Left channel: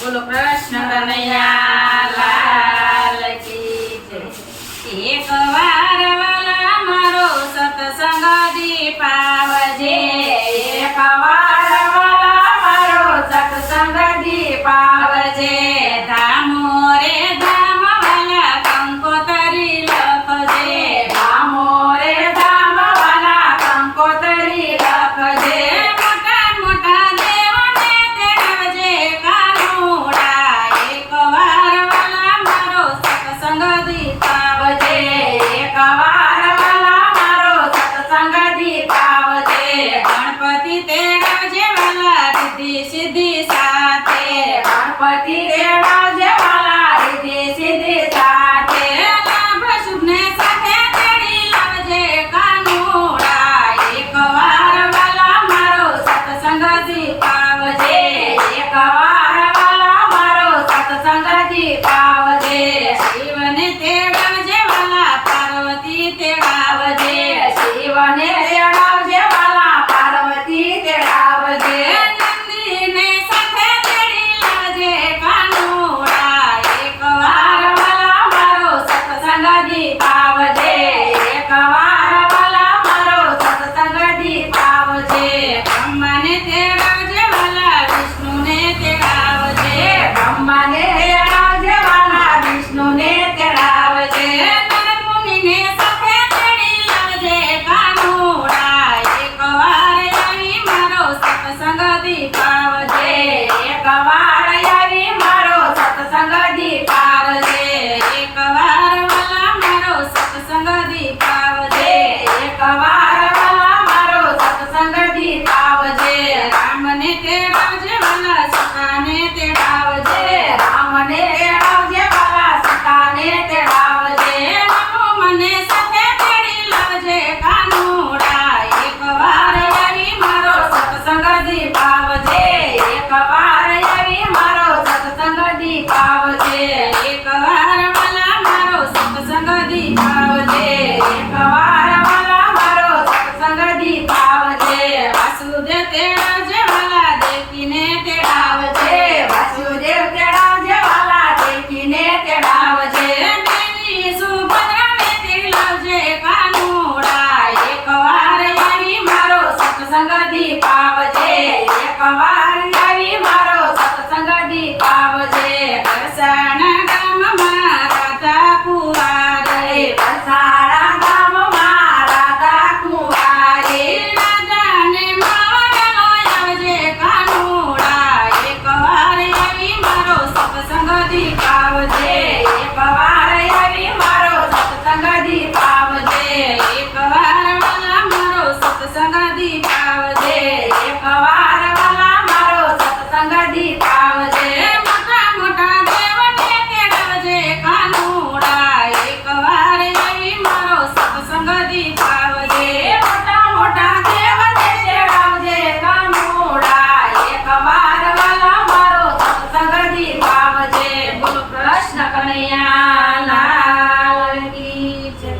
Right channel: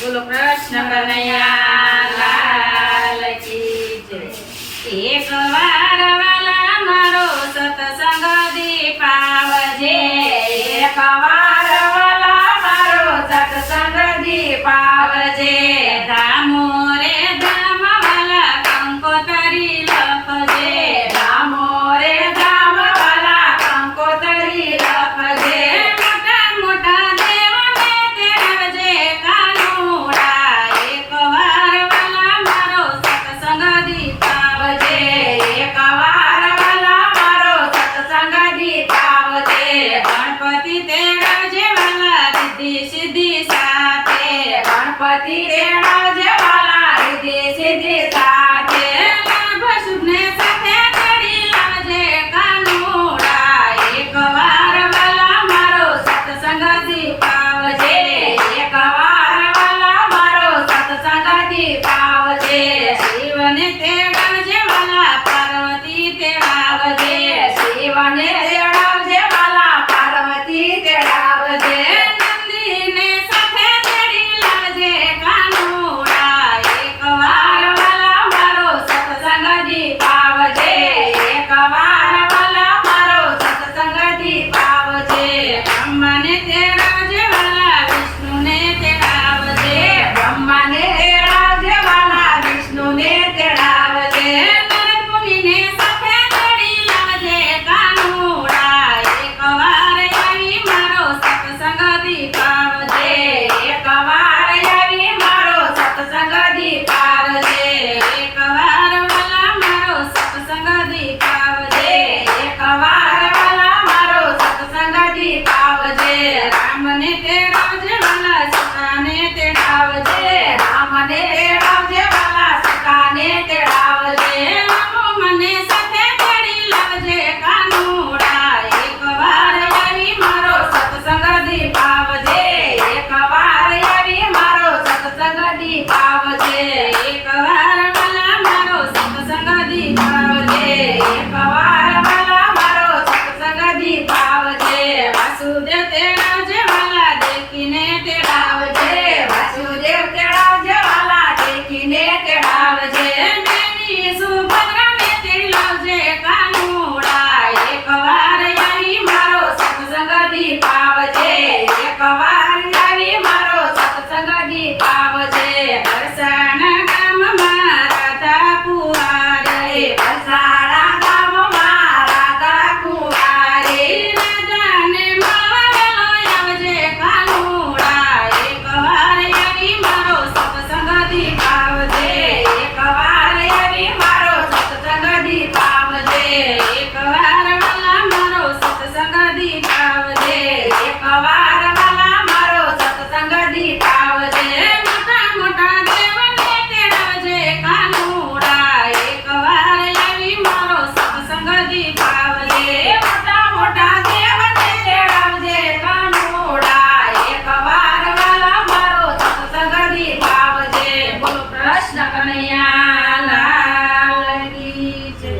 બોલો કૃષ્ણ કનૈયા લાલ કી જય। એક વાર વાલા મારો સત્સંગ દીપાવજે, એક વાર વાલા મારો સત્સંગ દીપાવજે। ધામો રે ધામ વાલા કંકોતરી લખજે, ધામો રે ધામ વાલા કંકોતરી લખજે। મોટા મોટા દેવને તેડવજે કાનુડા, એક વાર વાલા મારો સત્સંગ દીપાવજે। એક વાર વાલા મારો સત્સંગ દીપાવજે। ગણપતિ તેડવજે વાલા રિદ્ધિ સિદ્ધિ સાથે, ગણપતિ તેડવજે વાલા રિદ્ધિ સિદ્ધિ સાથે। લાભ શુભને સાથે તેડી લાવજે કાનુડા, એક વાર વાલા મારો સત્સંગ દીપાવજે। એક વાર વાલા મારો સત્સંગ દીપાવજે। શિવને તેડવજે વાલા પાર્વતી તેડાવજે, શિવને તેડાવજે વાલા પાર્વતી તેડાવજે। નંદીને સાથે તેડી લાવજે કાનુડા, એક વાર વાલા મારો સત્સંગ દીપાવજે। એક વાર વાલા મારો સત્સંગ દીપાવજે। બ્રહ્માને તેડાવજે વાલા વિષ્ણુને તેડાવજે, બ્રહ્માને તેડાવજે વાલા વિષ્ણુને તેડાવજે। નારદ મુનિને સાથે તેડી લાવજે કાનુડા, એક વાર આવી મારો સત્સંગ દીપાવજે। એક વાર આવી મારો સત્સંગ દીપાવજે। એક વાર વાલા મારો સત્સંગ દીપાવજે। એક વાર વાલા મારો સત્સંગ દીપાવજે। રામને તેડાવજે વાલા સીતાને તેડાવજે, રામને તેડાવજે વાલા સીતાને તેડાવજે। મને સાથે તેડી લાવજે કાનુડા, એક વાર આવી મારો સત્સંગ દીપાવજે। એક વાર આવી મારો સત્સંગ દીપાવજે। એક વાર વાલા મારો સત્સંગ દીપાવજે। એક વાર વાલા મારો સત્સંગ દીપાવજે। વાસુદેવ તેડાવજે વાલા દેખીને તેડાવજે, વાસુદેવ તેડાવજે વાલા દેખીને તેડાવજે। દેવી સુભદ્રાને તેડી લાવજે કાનુડા, એક વાર આવી મારો સત્સંગ દીપાવજે। એક વાર આવી મારો સત્સંગ દીપાવજે। દર્શન ગામમાં રાધા કુંવારી, વરસાડા ગામમાં રાધા કુંવારી। રાધાને મળવા આવજે કાનુડા, એક વાર આવી મારો સત્સંગ દીપાવજે।